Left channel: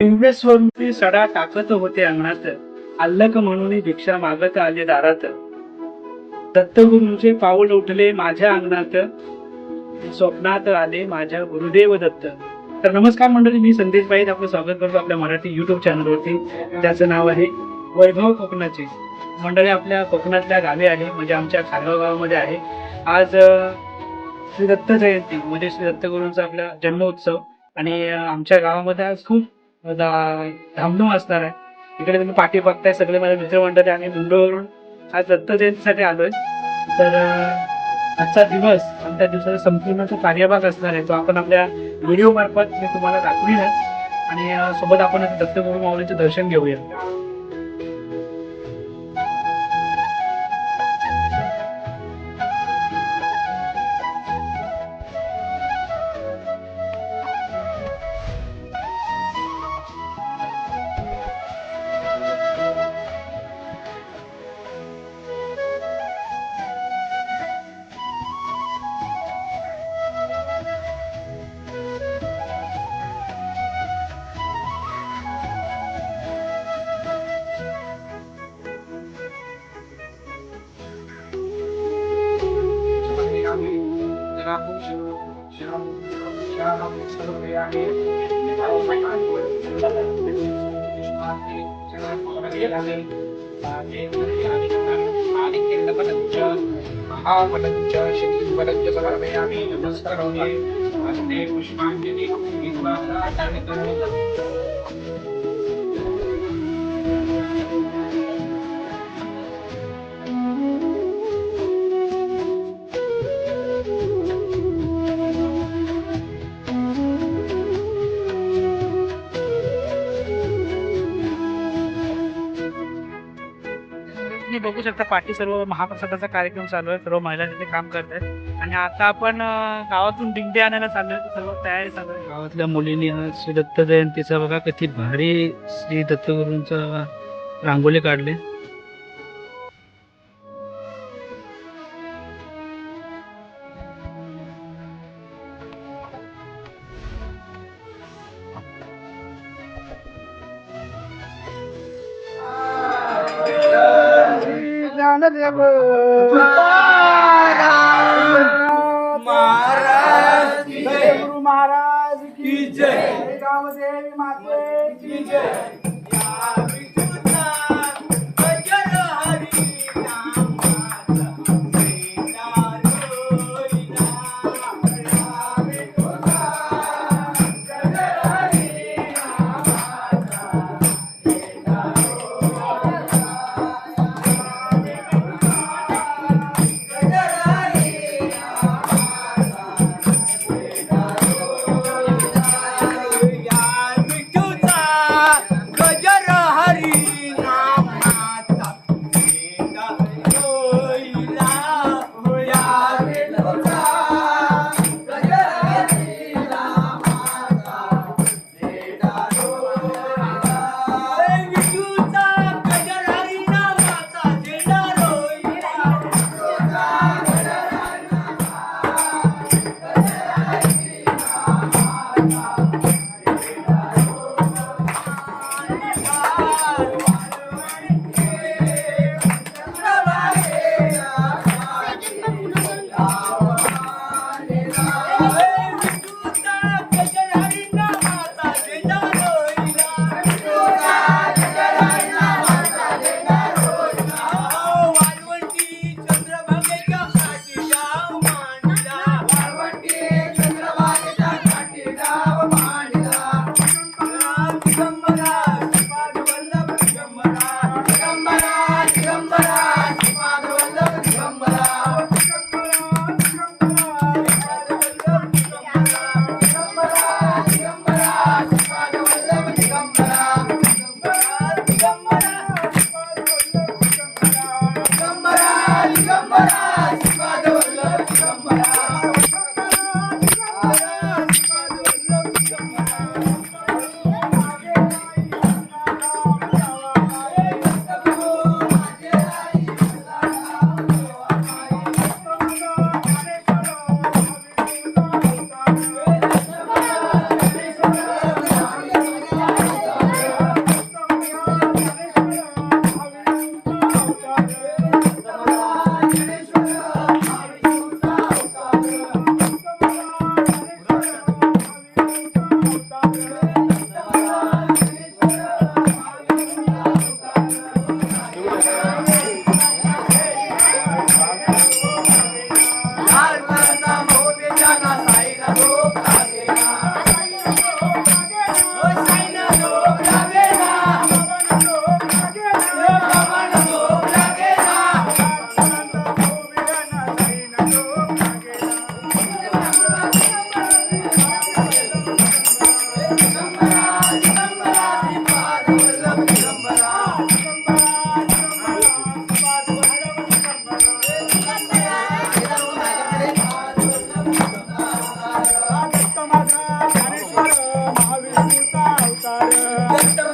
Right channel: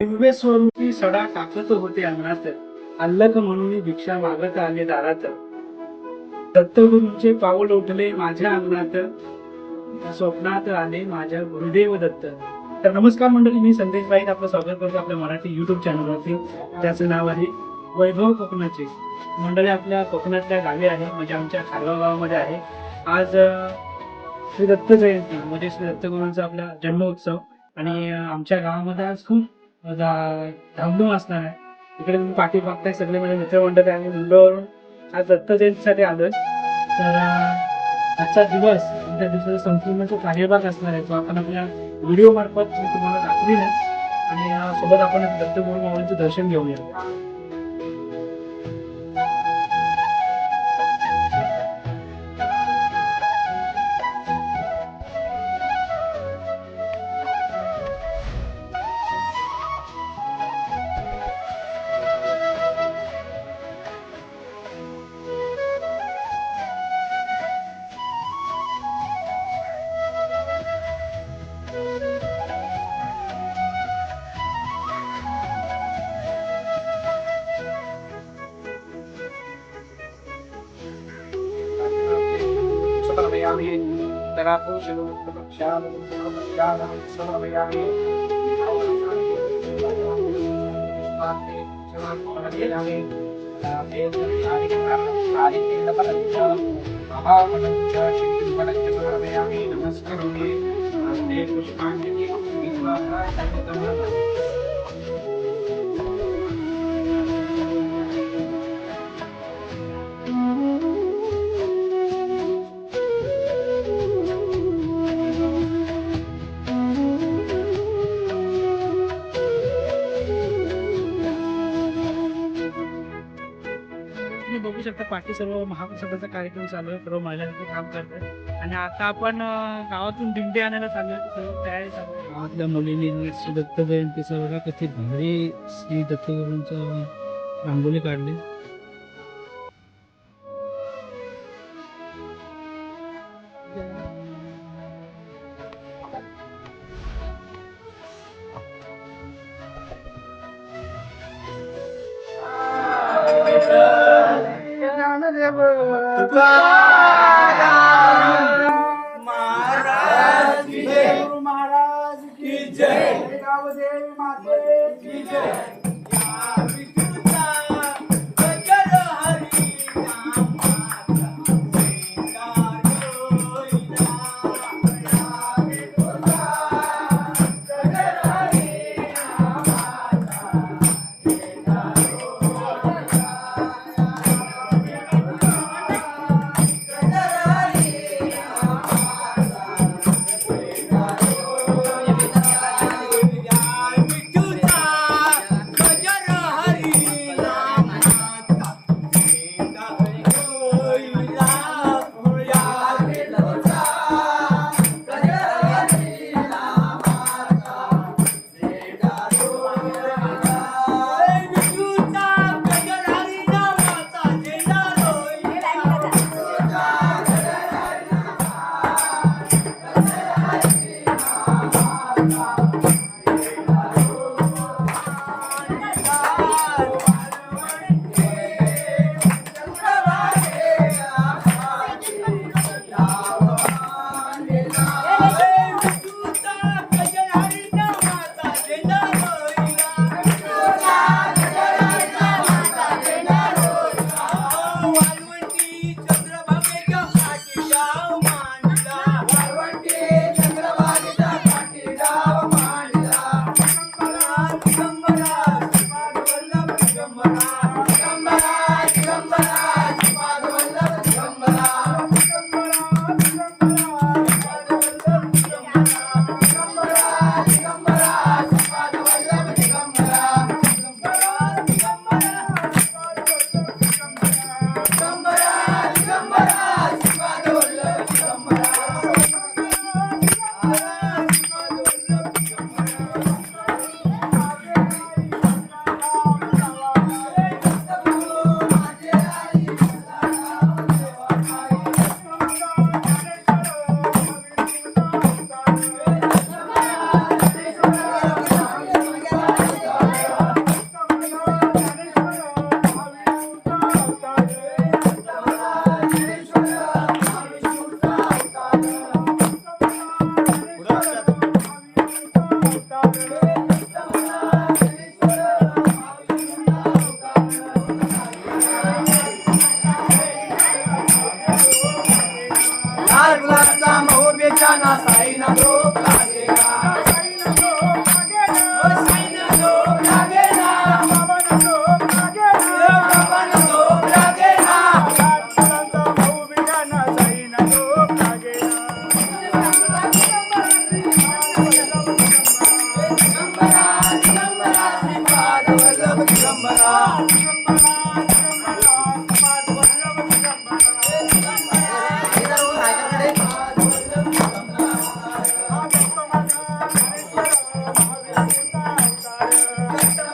दिव्य स्वरूपी सडा टाकत होते अंगणात. अल्लक म्हणून भिक्षा मागत आले दारात. दत्तगुरूंचे पाऊल उठले माझ्या अंगणात. स्वप्नात आले माझ्या गुरुदेव दत्त. तर नमस्कार मंडळी मी संदेश पाहिज आपलं स्वागत करतो आपल्या मराठी युट्यूब चॅनलवरती त्याचं नाव आहे वैभव कोकणाचे. मंडळी आपल्या कोकणातल्या गावे आहे म्हणजे आमच्या खारगाव गावामध्ये आहे. आज श्री दत्त जयंती म्हणजे श्री दत्तगुरूंचा आपला जन्मोत्सव. आणि आमच्या गावामध्ये आज खूप धामधूम असणार आहे. इकडे तुम्ही पाठी बघताय सगळे माझे मित्रमंडळी आम्ही मुंबईवरून आज दत्त जयंतीसाठी आलोय. तर आजचा दिवस आमच्या त्या दिवसाचा संपूर्ण जो कार्यभाग असणार आहे तो आपण आपल्या व्हिडिओ मार्फत मी तुम्हाला दाखवीन आणि सोबत आपण दत्तगुरू माऊलीचं दर्शन घेऊया. भक्ष्यामि समर्पयामि महाफलञ्च शक्तिफलञ्च समर्पयामि नमस्करोमि हस्ते पुष्पाञ्जलि तुम्ही बघू शकता पाठी सर्व महाप्रसादाचा कार्यक्रम चालू आहे सर्व महिला तिथे काम करत आहेत. आणि आता आपण गावातून दिंडी आणायला चालू आहे सर्व तयारी चालू आहे. गावातल्या मुलींनी श्री दत्त जयंतीचा बघा किती भारी श्री दत्तगुरूंचा रांगोली काढली. गुरु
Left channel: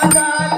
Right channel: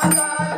ಮಾತಾ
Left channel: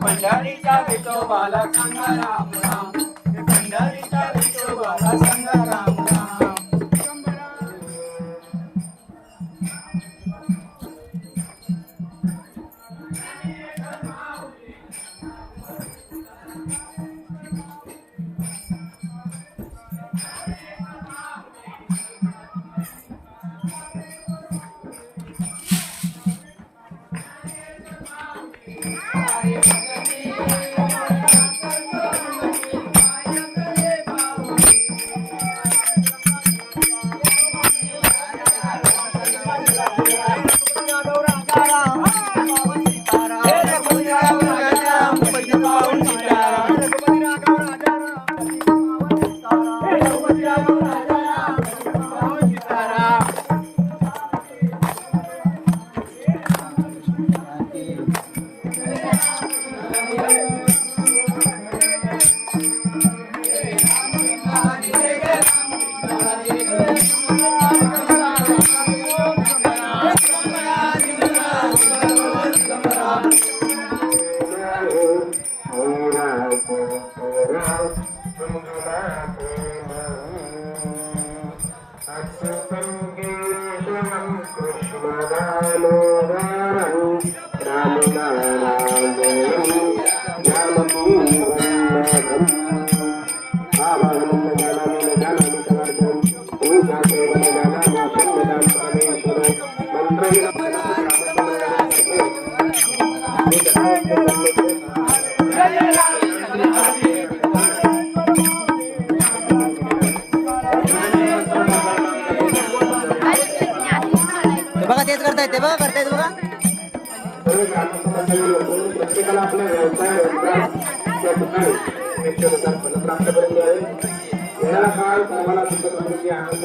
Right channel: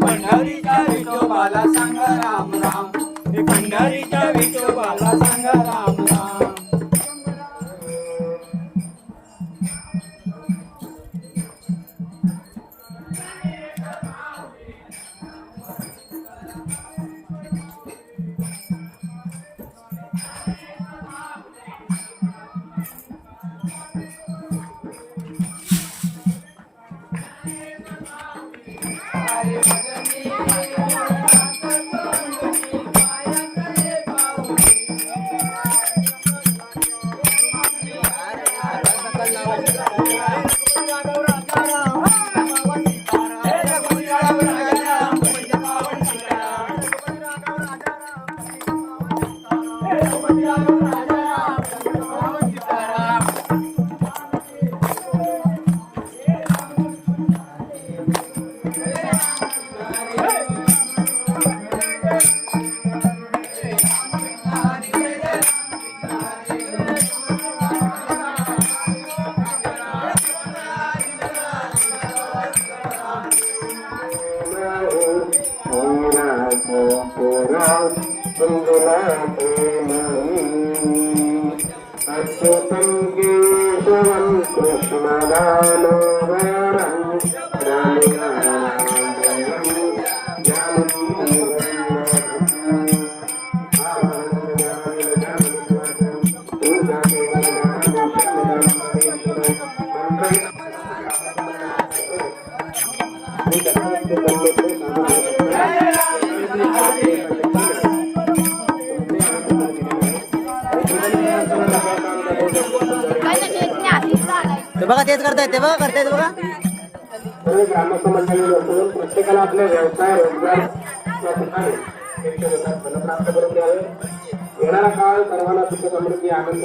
पंढरीच्या विठोबाला सांगा राम. बघा तेच करतायत ते बघा करतायत बघा प्रत्येकाला आपला व्यवसाय रोजगार या ठिकाणी निश्चितच करून द्यावे येणारा काळ सर्वांना सुख समृद्धी आनंद